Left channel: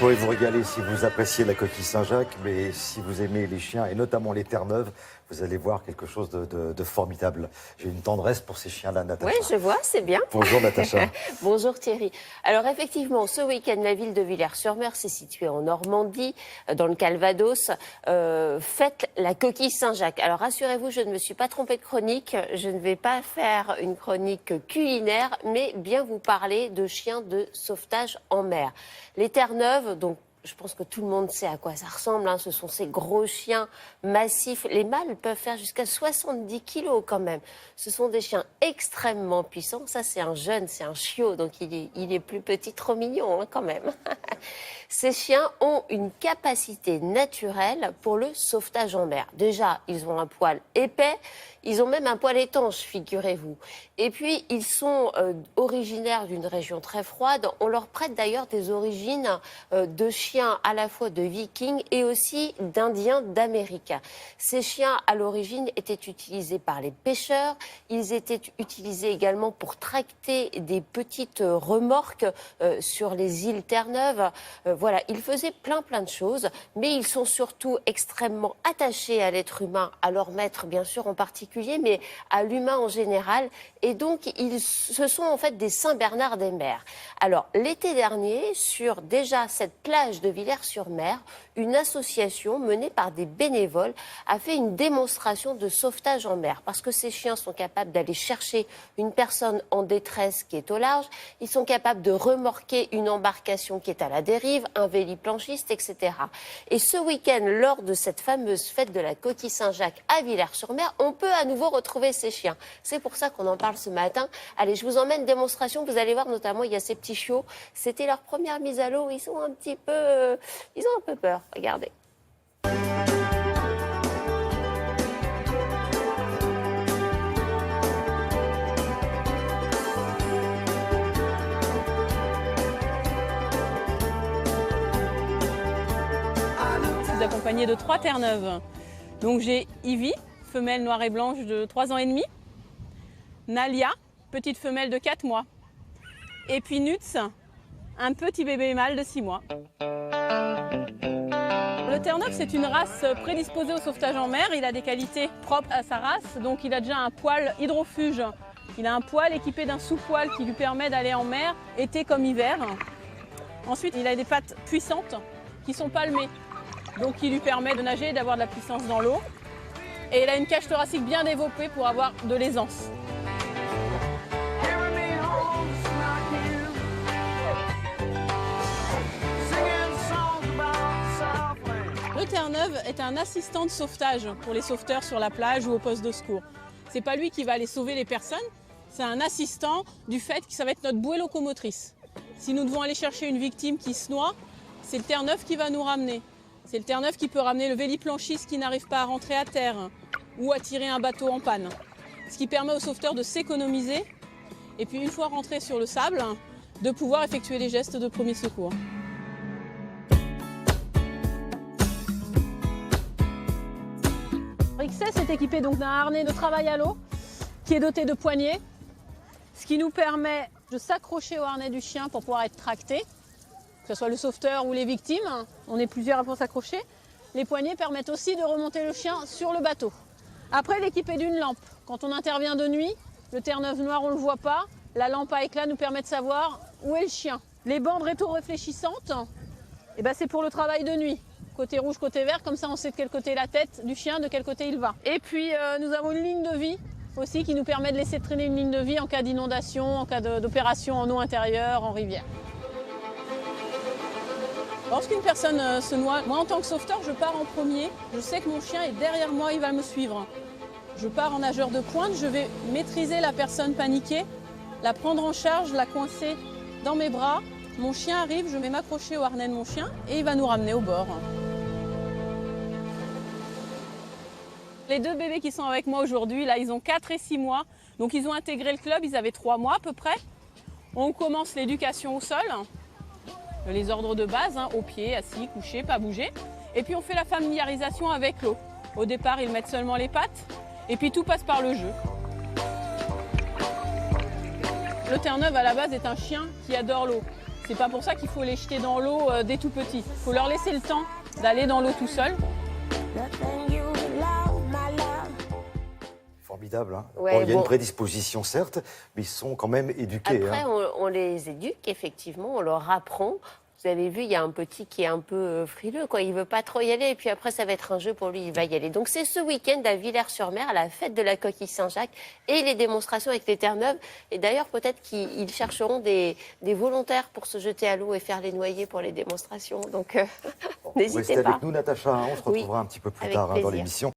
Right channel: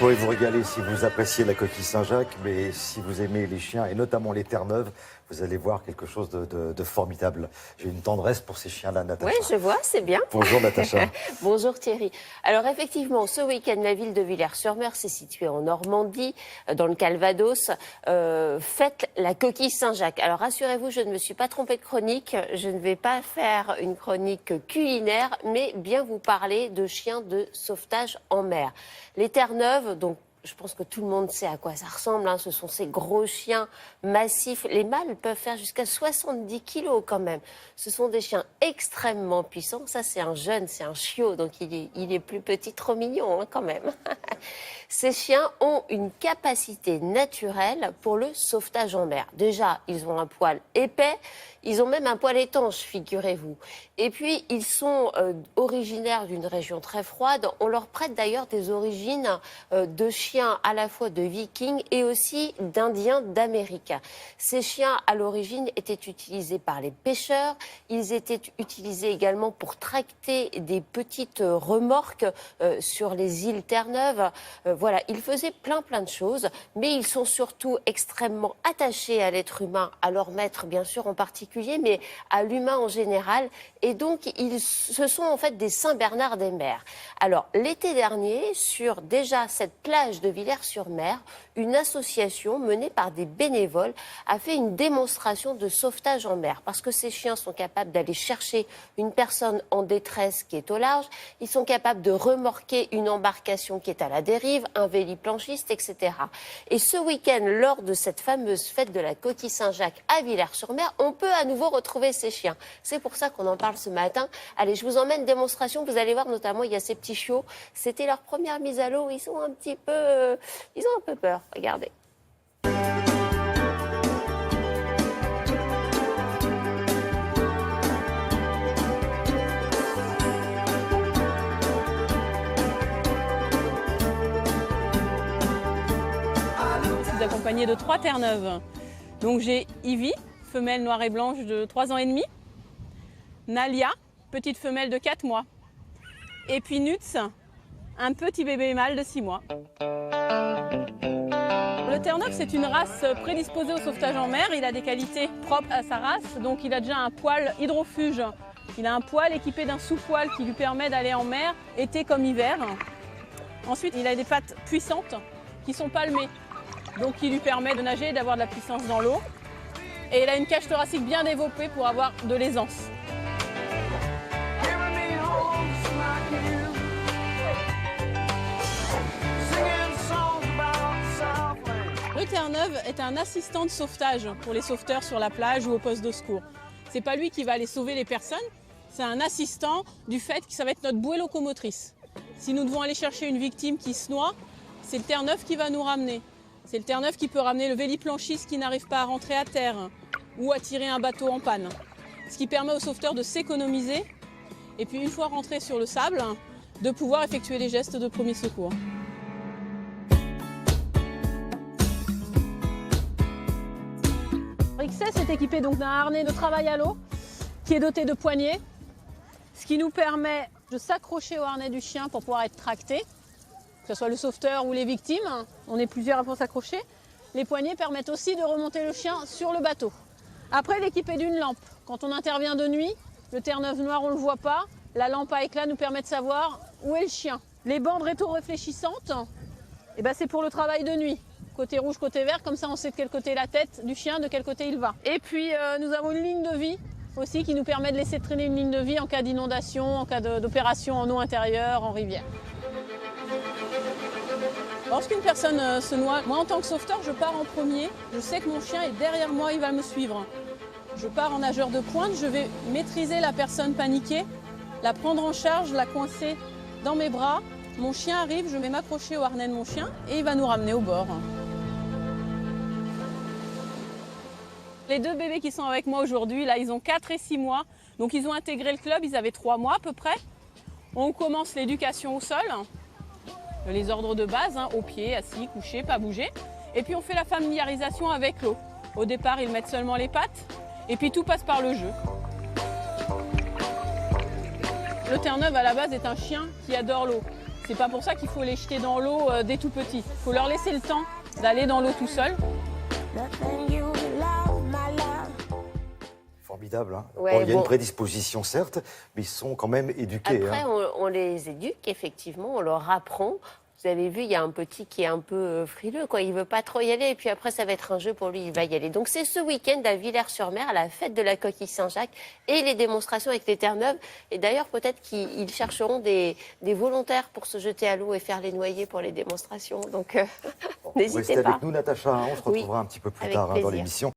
pourrez vous régaler si vous appréciez la coquille Saint-Jacques, mais si vous aimez les chiens, et notamment les Terre-Neuve, vous allez voir quelque chose de formidable. J'ai une tendresse pour ces chiens-là, Natacha. Oui, je vois, c'est bien. Bonjour, Natacha. Bonjour, Thierry. Alors, effectivement, ce week-end, la ville de Villers-sur-Mer, c'est situé en Normandie, dans le Calvados, fête la coquille Saint-Jacques. Alors, rassurez-vous, je ne me suis pas trompée de chronique. Je ne vais pas faire une chronique culinaire, mais bien vous parler de chiens de sauvetage en mer. Les Terre-Neuve, donc, je pense que tout le monde sait à quoi ça ressemble. Hein. Ce sont ces gros chiens massifs. Les mâles peuvent faire jusqu'à 70 kilos quand même. Ce sont des chiens extrêmement puissants. Ça, c'est un jeune, c'est un chiot. Donc, il est plus petit, trop mignon hein, quand même. Ces chiens ont une capacité naturelle pour le sauvetage en mer. Déjà, ils ont un poil épais. Ils ont même un poil étanche, figurez-vous. Et puis, ils sont originaires d'une région très froide. On leur prête d'ailleurs des origines de chiens à la fois de vikings et aussi d'indiens d'Amérique. Ces chiens, à l'origine, étaient utilisés par les pêcheurs. Ils étaient utilisés également pour tracter des petites remorques sur les îles Terre-Neuve. Voilà, ils faisaient plein de choses, mais ils sont surtout extrêmement attachés à l'être humain, à leur maître, bien sûr, en particulier, mais à l'humain en général. Et donc, ce sont en fait des Saint-Bernard des mers. Alors, l'été dernier, sur déjà cette plage de Villers-sur-Mer, une association menée par des bénévoles a fait une démonstration de sauvetage en mer. Parce que ces chiens sont capables d'aller chercher une personne en détresse qui est au large. Ils sont capables de remorquer une embarcation qui est à la dérive, un véliplanchiste, etc. Et ce week-end, lors de cette fameuse fête de la coquille Saint-Jacques à Villers-sur-Mer, on peut à nouveau retrouver ces chiens. C'est pour ça qu'on en parle ce matin. Allez, je vous emmène démonstration. Vous allez voir, notamment, il y a ces petits chiots. C'était leur première mise à l'eau. Ils ont un peu peur. Regardez. Je suis accompagnée de 3 Terre-Neuve. Donc j'ai Ivy, femelle noire et blanche de 3 ans et demi. Nalia, petite femelle de 4 mois. Et puis Nutz, un petit bébé mâle de 6 mois. Le Terre-Neuve, c'est une race prédisposée au sauvetage en mer. Il a des qualités propres à sa race. Donc il a déjà un poil hydrofuge. Il a un poil équipé d'un sous-poil qui lui permet d'aller en mer, été comme hiver. Ensuite, il a des pattes puissantes qui sont palmées. Donc qui lui permet de nager et d'avoir de la puissance dans l'eau. Et il a une cage thoracique bien développée pour avoir de l'aisance. Le Terre-Neuve est un assistant de sauvetage pour les sauveteurs sur la plage ou au poste de secours. C'est pas lui qui va aller sauver les personnes, c'est un assistant du fait que ça va être notre bouée locomotrice. Si nous devons aller chercher une victime qui se noie, c'est le Terre-Neuve qui va nous ramener. C'est le Terre-Neuve qui peut ramener le véliplanchiste qui n'arrive pas à rentrer à terre ou à tirer un bateau en panne. Ce qui permet aux sauveteurs de s'économiser et puis une fois rentrés sur le sable, de pouvoir effectuer les gestes de premier secours. XS est équipé donc d'un harnais de travail à l'eau qui est doté de poignées, ce qui nous permet de s'accrocher au harnais du chien pour pouvoir être tracté, que ce soit le sauveteur ou les victimes. On est plusieurs à pouvoir s'accrocher. Les poignées permettent aussi de remonter le chien sur le bateau. Après, il est équipé d'une lampe. Quand on intervient de nuit, le Terre-Neuve noir, on ne le voit pas. La lampe à éclat nous permet de savoir où est le chien. Les bandes rétro-réfléchissantes, c'est pour le travail de nuit. Côté rouge, côté vert, comme ça on sait de quel côté est la tête du chien, de quel côté il va. Et puis nous avons une ligne de vie aussi qui nous permet de laisser traîner une ligne de vie en cas d'inondation, en cas d'opération en eau intérieure, en rivière. Lorsqu'une personne se noie, moi en tant que sauveteur, je pars en premier. Je sais que mon chien est derrière moi, il va me suivre. Je pars en nageur de pointe, je vais maîtriser la personne paniquée, la prendre en charge, la coincer dans mes bras. Mon chien arrive, je vais m'accrocher au harnais de mon chien et il va nous ramener au bord. Les 2 bébés qui sont avec moi aujourd'hui, là, ils ont 4 et 6 mois. Donc ils ont intégré le club, ils avaient 3 mois à peu près. On commence l'éducation au sol. Les ordres de base, au pied, assis, couché, pas bouger. Et puis on fait la familiarisation avec l'eau. Au départ, ils mettent seulement les pattes, et puis tout passe par le jeu. Le Terre-Neuve, à la base, est un chien qui adore l'eau. C'est pas pour ça qu'il faut les jeter dans l'eau dès tout petit. Il faut leur laisser le temps d'aller dans l'eau tout seul. Formidable. Hein. Ouais, Bon, il y a bon. une prédisposition, certes, mais ils sont quand même éduqués. Après, hein. on les éduque, effectivement, on leur apprend. Vous avez vu, il y a un petit qui est un peu frileux, quoi. Il veut pas trop y aller, et puis après, ça va être un jeu pour lui, il va y aller. Donc, c'est ce week-end à Villers-sur-Mer, à la fête de la coquille Saint-Jacques, et les démonstrations avec les Terre-Neuve. Et d'ailleurs, peut-être qu'ils chercheront des volontaires pour se jeter à l'eau et faire les noyés pour les démonstrations. Donc, Vous n'hésitez restez pas. avec nous, Natacha. Hein. On se Oui, retrouvera un petit peu plus avec tard hein, dans plaisir. l'émission.